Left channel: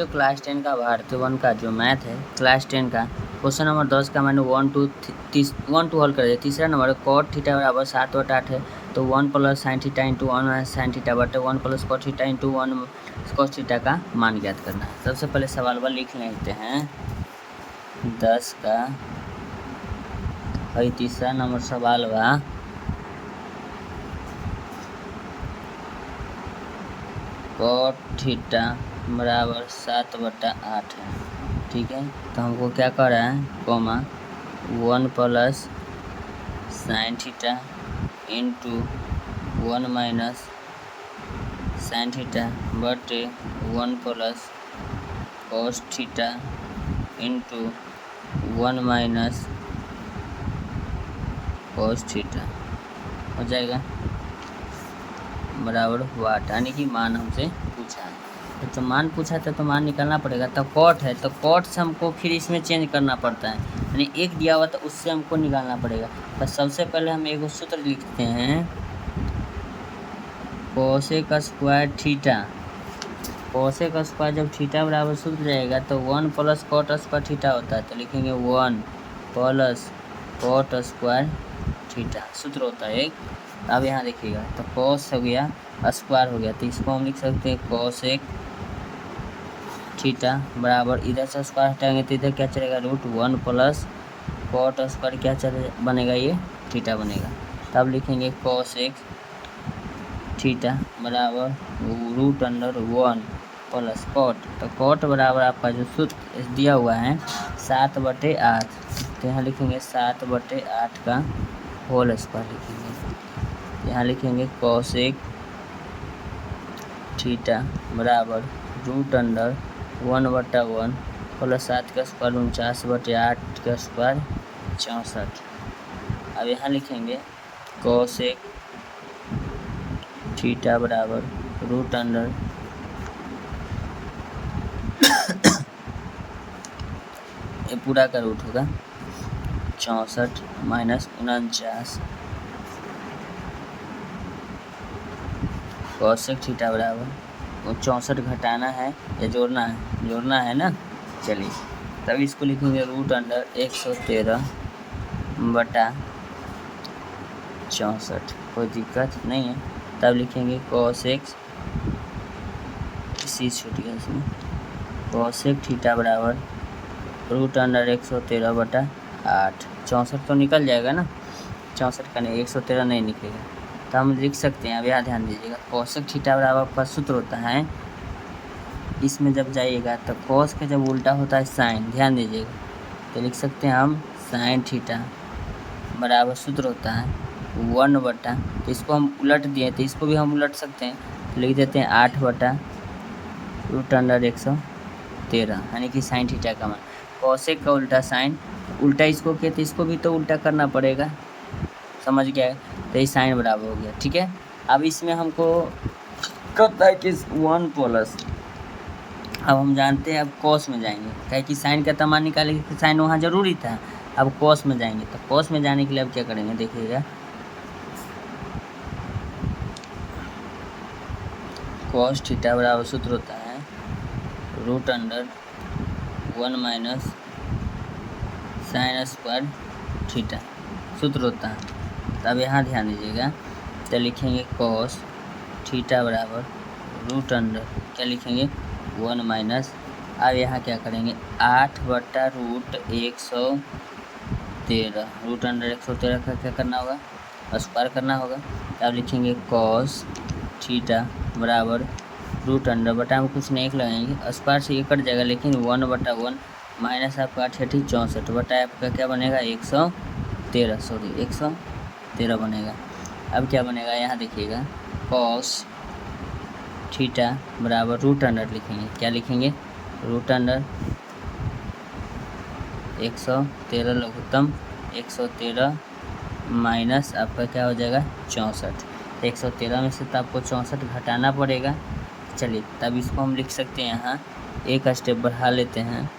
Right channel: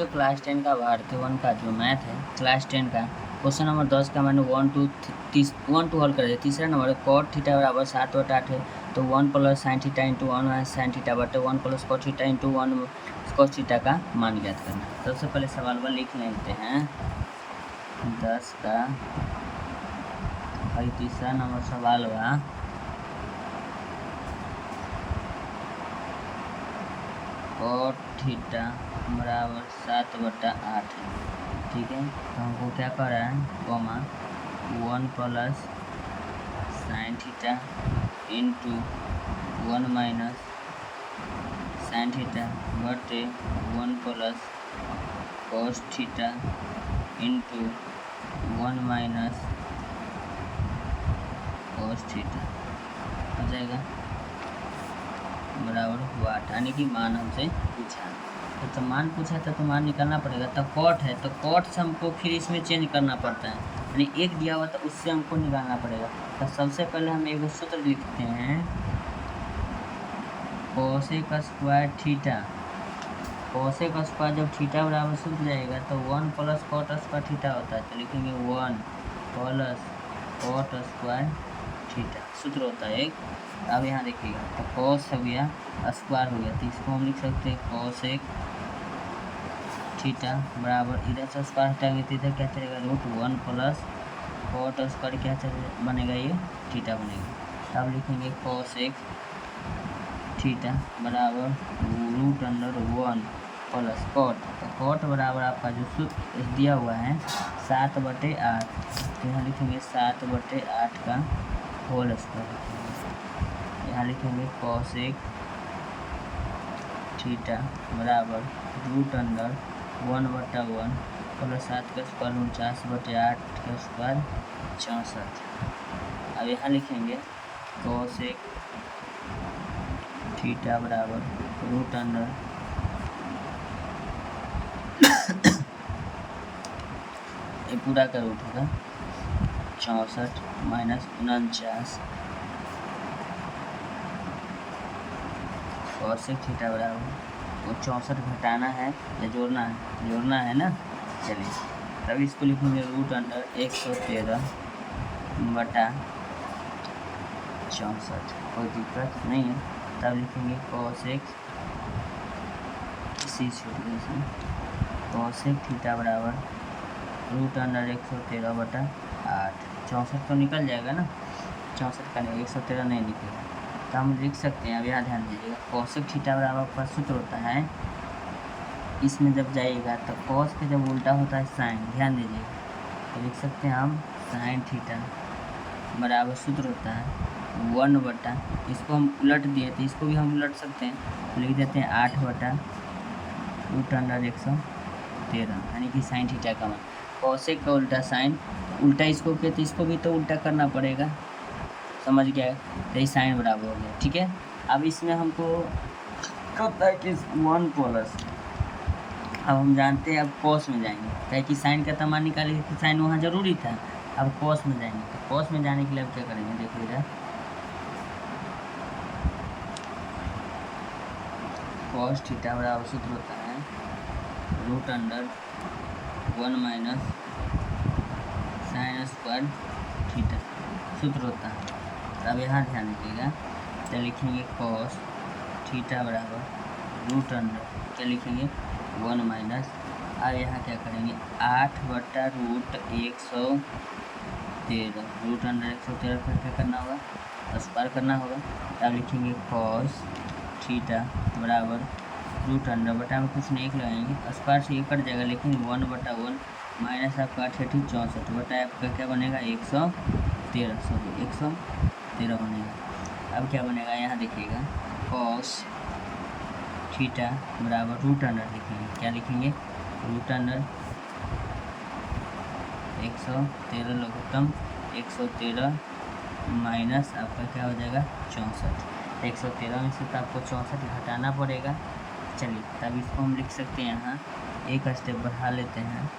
तो क्लास 10 का भारतीय वन का जो मैथ है क्लास 10 का क्वेश्चन नंबर 10 का मैंने 1 टू हल कर दिया। तीसरा नंबर कॉट थीटा बराबर 7/8 है तो 1 plus sine theta into 1 sine theta बटे 1 plus cot theta into 1 cos theta का मान ज्ञात करना है। सबसे पहले सवाल लिख लेते हैं 10 का भाई। तीसरा नंबर सवाल बा कॉट थीटा बराबर 7/8 है, ठीक है। तो हमको क्या कर रहा है comma 1 plus sine theta into 1 minus sign theta बटे 1 plus cos theta into 1 minus cos theta हो जाएगा बराबर वाट, यानी कि मान हमसे पूछा है तो मान पूछा था तो मान निकालना पड़ेगा। तो कॉट है तो कॉट से हमको फिर इसमें चेंज करना पड़ता है, यानी एक दिया हुआ तो उससे हमको निकालना पड़ेगा। तो सबसे पहले हम एक सूत्र लिखते हैं cosec square theta. Cosec square जब थीटा बराबर सूत्र जाएगा तो 1 प्लस कॉट स्क्वायर थीटा होता है, तो लिखेंगे 1 प्लस कॉट स्क्वायर थीटा सूत्र होता है एक। अब यहाँ देखिएगा तो कॉस हो गया स्क्वायर हो गया, तो इसको हम लिख सकते हैं कोसेक थीटा बराबर इधर से स्क्वायर हटाएंगे तो इधर क्या चलेगा √1 प्लस कॉट स्क्वायर क्या चले बनेगा ये थीटा बनेगा। तब लिखेंगे कोसेक थीटा बराबर √1 प्लस कॉट, तो कॉट बराबर आपका जो सूत्र दिया हुआ है 7/8, तो यहाँ लिखेंगे 7/8 का होल स्क्वायर लिखेंगे। यहाँ लिखेंगे कोसेक थीटा बराबर √1/1 प्लस 7 का स्क्वायर 49/8 का स्क्वायर 64। अब यहाँ लिखेंगे कोसेक थीटा बराबर √, ये पूरा का रूट होगा 64 माइनस 49 कोसेक थीटा बराबर 64 घटाना है या जोड़ना है ना। चलिए तब इसको लिखेंगे √113 बटा 64, कोई दिक्कत नहीं है। तब लिखेंगे कोसेक छूट गया इसमें कोसेक थीटा बराबर √113 बटा 8। 64 तो निकल जाएगा ना, 64 का नहीं 113 नहीं निकलेगा, तो हम लिख सकते हैं। अब यहाँ ध्यान दीजिएगा कोसेक थीटा बराबर का सूत्र होता है, इसमें जब जाइएगा तो कॉस का जब उल्टा होता है साइन, ध्यान दीजिएगा तो लिख सकते हैं हम साइन थीटा बराबर सूत्र होता है 1 बटा, तो इसको हम उलट दिए तो इसको भी हम उलट सकते हैं, तो लिख देते हैं 8 बटा √113, यानी कि साइन थीटा का मान। कोसेक का उल्टा साइन, उल्टा इसको किया तो इसको भी तो उल्टा करना पड़ेगा, समझ गया। तो ये साइन बराबर हो गया, ठीक है। अब इसमें हमको कहता है कि 1 प्लस, अब हम जानते हैं अब कॉस में जाएंगे, क्या कि साइन का मान निकालेंगे तो साइन वहाँ जरूरी था। अब कॉस में जाएंगे तो कॉस में जाने के लिए अब क्या करेंगे देखिएगा, कॉस थीटा बराबर सूत्र होता है √1 माइनस साइन स्क्वायर थीटा सूत्र होता है। अब यहाँ ध्यान दीजिएगा तो लिखेंगे कॉस थीटा बराबर √, क्या लिखेंगे 1 माइनस, अब यहाँ क्या करेंगे 8 बटा √113, √113 का क्या करना होगा स्क्वायर करना होगा। अब लिखेंगे कॉस थीटा बराबर √, बटा में कुछ नहीं लगाएंगे, स्क्वायर से ये कट जाएगा, लेकिन 1/1 माइनस आपका 8 64 बटा आपका क्या बनेगा 113 बनेगा। अब क्या बनेगा यहाँ देखिएगा कॉस थीटा बराबर √, लिखेंगे क्या लिखेंगे √, 113 लघुत्तम 113 माइनस आपका क्या हो जाएगा 64, 113 में से तो आपको 64 घटाना पड़ेगा। चलिए तब इसको हम लिख सकते हैं, यहाँ एक स्टेप बढ़ा लेते हैं